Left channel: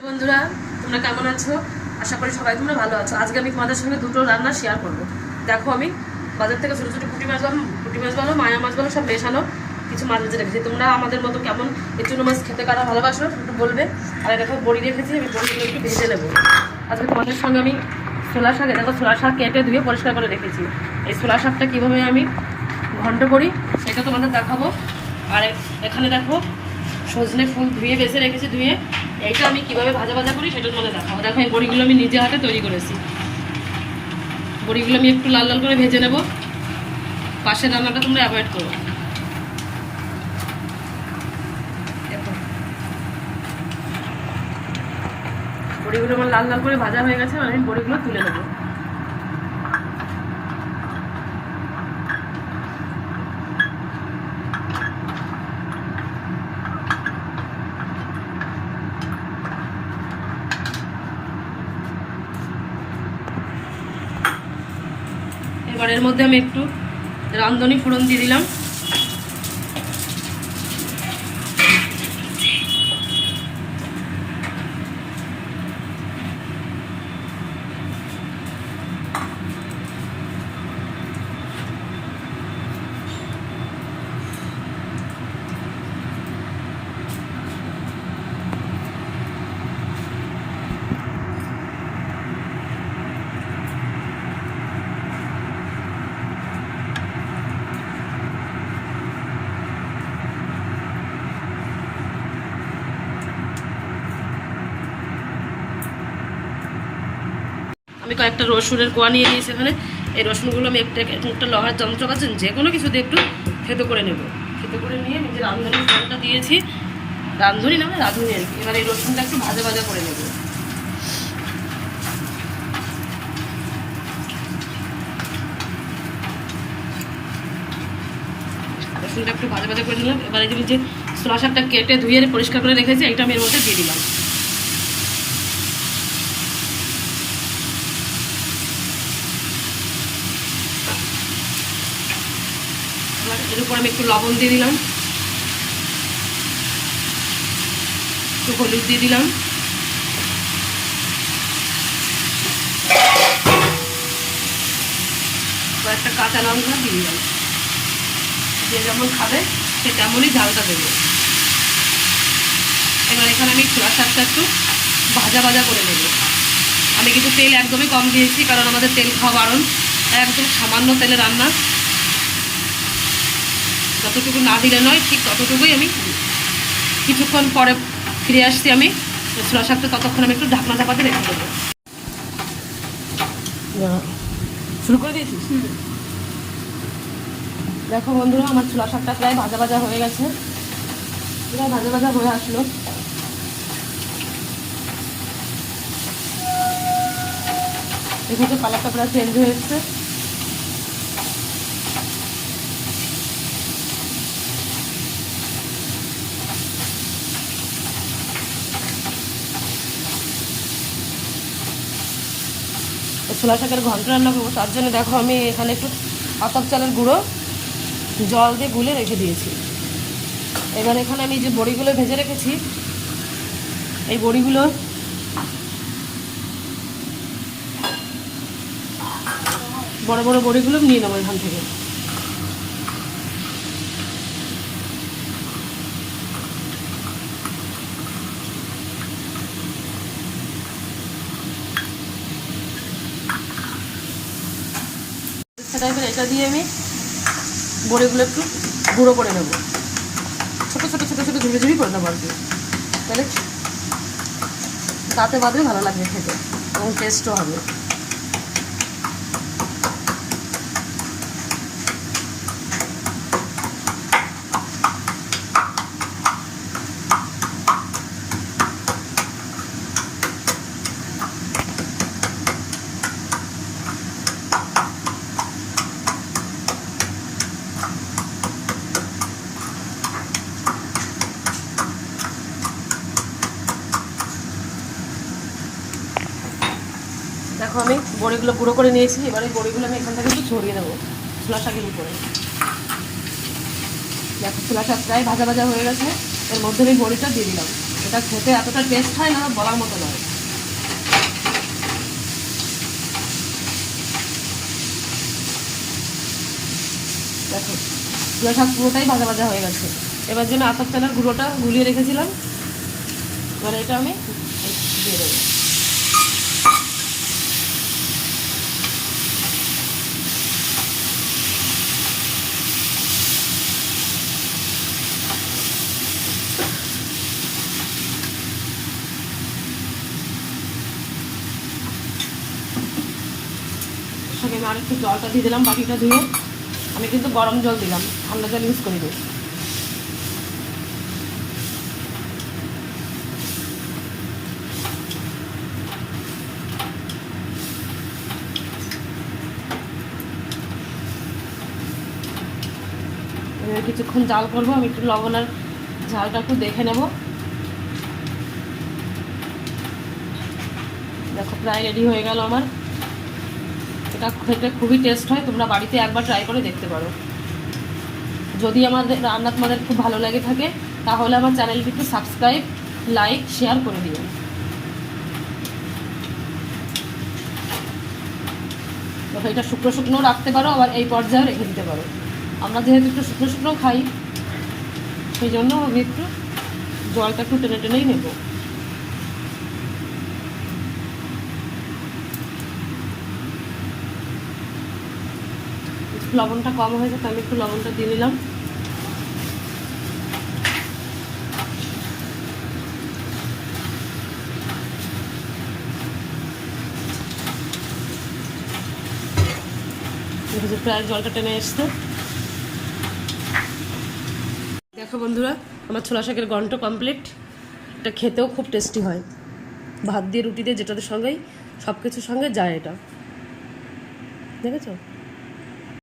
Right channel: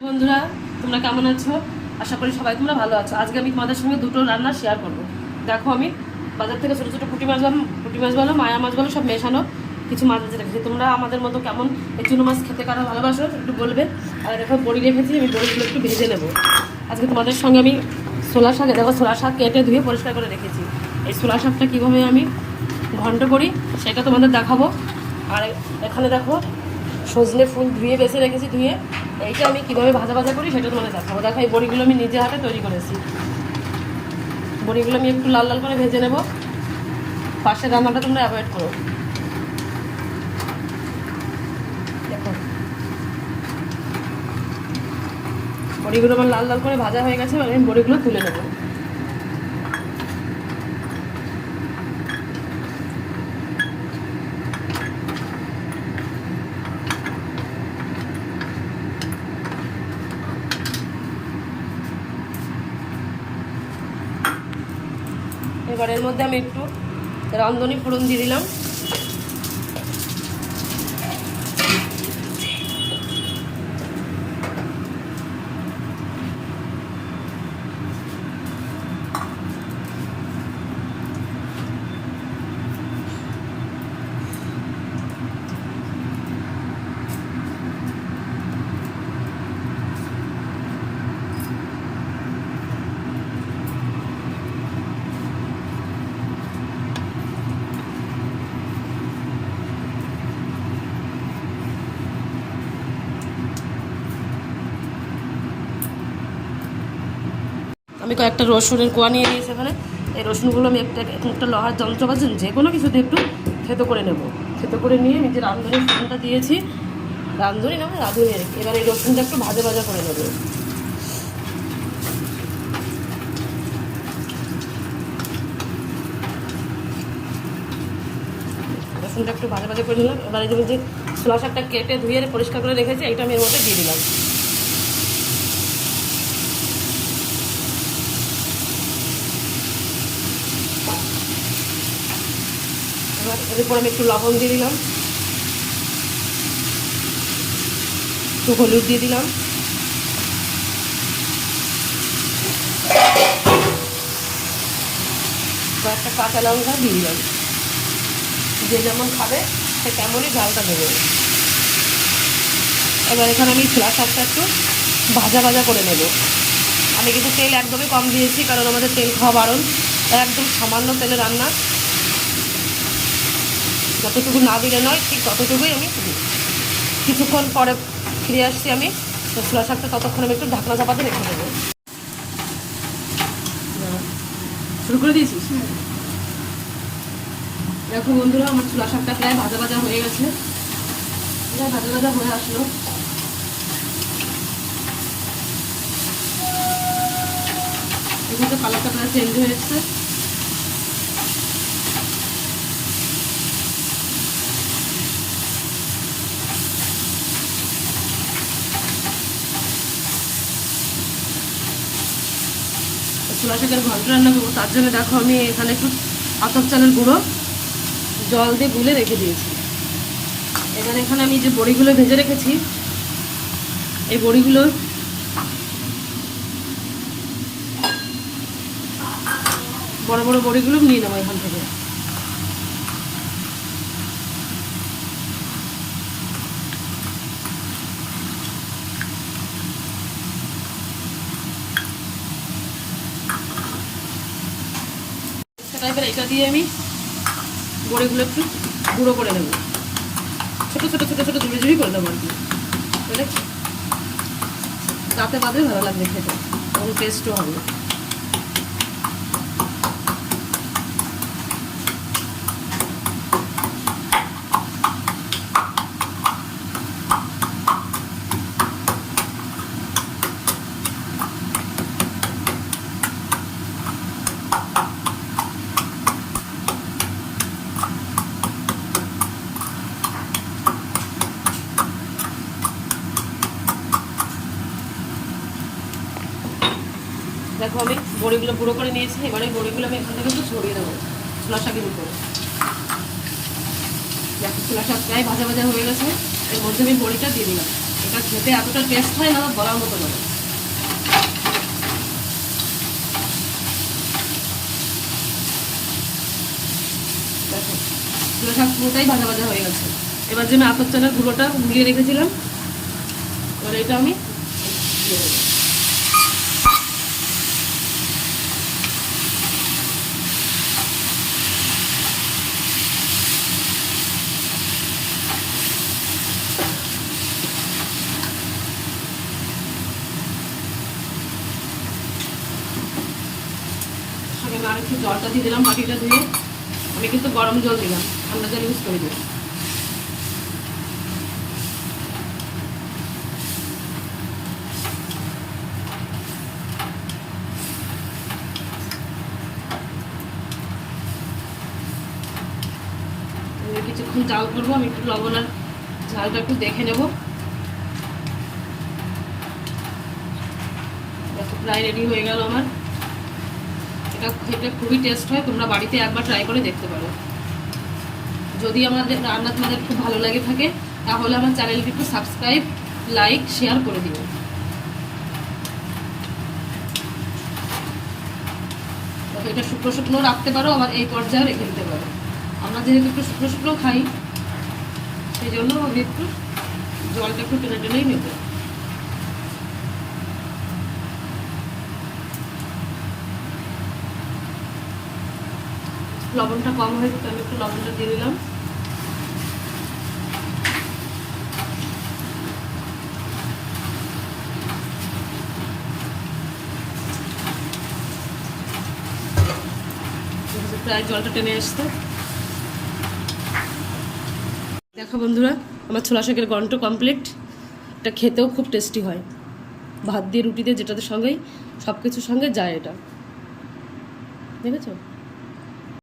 বন্ধুরা, তোমরা কেমন আছো? আশা করি সবাই তোমরা ভালো আছো। আজকে আমি তোমাদের সঙ্গে দুটো রান্না শেয়ার করব। দেখো আমি বাজার থেকে ছোটো ছোটো পুঁটি মাছ বলো পুঁটি মাছ বলো মায়া মাছ বলো সব মেশানো কিছু মাছ ভেজে রেখেছি। তোমরা আমাদের মতো কেমন চুনো মাছ খেতে কারা ভালোবাসো একটু বলবে। আর দেখো বড়ি রেখেছি, আমি বড়িগুলো একটু ভেজে নেব। আজকে তোমাদের সঙ্গে আমি ছোলা শাক দেখো ছোলা শাক কেটে ধুয়ে পরিষ্কার করে রেখেছি। এই ছোলা শাকটা কীভাবে আমি ঘন্ট করি, সেটা তোমাদের দেখাবো। আর এখানে দেখো সজনে ফুল ধুয়ে বেছে রেখেছি ধুয়ে, এইটা আমি কীভাবে ভাজা ভাজা করি সেটা তোমাদের দেখাবো। দেখো, এই বড়িগুলো আমি নিজে হাতে তৈরি করেছি। বড়িগুলো আমি একটু লাল লাল করে ভেজে নেব। পাশের রান্নাটা তোমরা অ্যাভয়েড করো। বড়িগুলো আমার লাল লাল করে ভাজা হয়ে গেছে আমি বড়িগুলো তুলে নেব। এবার মধ্যে আমি একটু রান্ধনি ফোড়ন দিয়ে দিলাম। আমি কয়েকটা রসুনের কোয়া নিয়ে নিয়েছি এখানে। এই রসুনগুলো আমি একটা একটা লোহার যন্ত্র পাচ্ছেন যে কোনো কিছু দিয়ে একটু থেতো করে নেব। থেতো করে নিয়ে নিজে রাঁধুনি ফোড়নটা দিয়েছি, রাঁধুনি না রাঁধুনি আর কি। এবার এই রসুনটা একটু ভাজা ভাজা করে নেব। রসুনটা একটু ভাজা ভাজা করে নিলাম। এবার এই যে ছোলা শাকটা কেটে ধুয়ে পরিষ্কার করে রেখেছি এটা আমি এর মধ্যে দিয়ে দিলাম। এর উপর আমি একটু লবণ দিয়ে দিলাম। একটু হলুদ দিয়ে দিলাম। একটা কাঁচা লঙ্কা দিয়ে দিলাম। যে যেমন খাবে, সে তেমনই ঝালটা দেবে। এবার এখানে আমি ছোলা শাকটা একটু ভাজা ভাজা করে নেব। আমি কিন্তু তেল একদমই কম দিয়েছি, কারণ আমাদের তেল খাওয়া বারণ। একদম সামান্য তেলে রান্না। যতটুকু না দিলে নয় ঠিক ততটুকুই আমি কিছুক্ষণ পরে ফিরে আসছি আমি ছোলা শাকটা ততক্ষণ আমি একটু ঢাকনা চাপাতে রেখে দেবো। শুরু করে দিয়েছিস? দেখো বন্ধুরা আমার ছোলা শাকটা প্রায় ভাজা ভাজা হয়ে গেছে। প্রায় ভাজা ভাজা হয়ে আসলো। এখানে কালারটা প্রায় চেঞ্জ হয়ে এসছে। ছোলা শাকের ঘন্ট রান্না করব, তার জন্য দেখো আমি এখানে একটু আতপ চালের গুঁড়ো জল দিয়ে গুলে রেখে দিয়েছি। এবার এখানে আমি যে বড়িগুলো ভেজে রেখেছি, এই বড়িগুলো বড় বড় বড়িগুলো নিয়ে নেব এখান থেকে। টাইপের এটা দিয়ে আমি বড়িগুলো একটু গুঁড়ো করে নেব। ছোটো ছোটো ছোটো ছোটো ঝুড়ি ঝুড়ি করে নেব আর কি। তাহলে তাতে বাদে ভালো লাগবে খেতে এবং টেস্টও হবে দেখো আমি বড়িগুলো গুঁড়ো করে নিয়েছি, এবার এই বড়িগুলো আমি এখান থেকে একটু ছড়িয়ে দেবো ছোলা শাকের উপরে। দেখো ছোলা শাক প্রায় ভাজা ভাজা হয়ে গেছে, এর মধ্যে আমি বড়িটা দিয়ে দিলাম। এটা খেতে এতটা টেস্ট হয় না, বলার মতো নয়। দেখো এগুলো শাক পুরোটাই ভাজা ভাজা হয়ে গেছে। এবার যে আমি আতর চালের গুঁড়োটা গুলিয়ে রেখেছিলাম, এবার এটা আমি দিয়ে দেবো। সঙ্গে আমি আর একটু জলটা দিয়ে দিলাম, বাটিটা ধুয়ে। আমি কিন্তু গরম জল দিলাম ঠান্ডা জল ইউজ করে দিই। কিছুক্ষণ জাল করব, আমি একটু লবণ আর ঝালটা একটু দেখে নেব। দেখো, প্রায় রেডি হয়ে গেল আমার। এটা খেতে খুবই টেস্ট হয় তোমরা বাড়িতে একবার ট্রাই করে দেখতে পারো। যদি আমাদের রান্না তোমাদের খুব ভালো লেগে থাকে তাহলে আমার চ্যানেলটি একটু সাবস্ক্রাইব লাইক শেয়ার করে দেখো, এটা শুকনো শুকনো রাখতে পারো আবার এই পর্যায়ে রেখে দিতে পারো। আমরা যেহেতু একটু শুকনো শুকনো খাই সেই জন্য আমি একটু জলটা একটু টেনে টেনেই নেব। লবণটা কম হয়েছে, তো আমি একটু লবণটা দিয়ে দিলাম। প্রায় জলটা টেনে এসছে দেখো বন্ধুরা, আমার ছোলা শাকের গন্ট কমপ্লিট এটা খেতেও খুব টেস্টি হয়। ভাত দিয়ে রুটি দিয়ে যেটাদের সঙ্গেই সব কিছুর সঙ্গে যায় এটা। দেখেছ?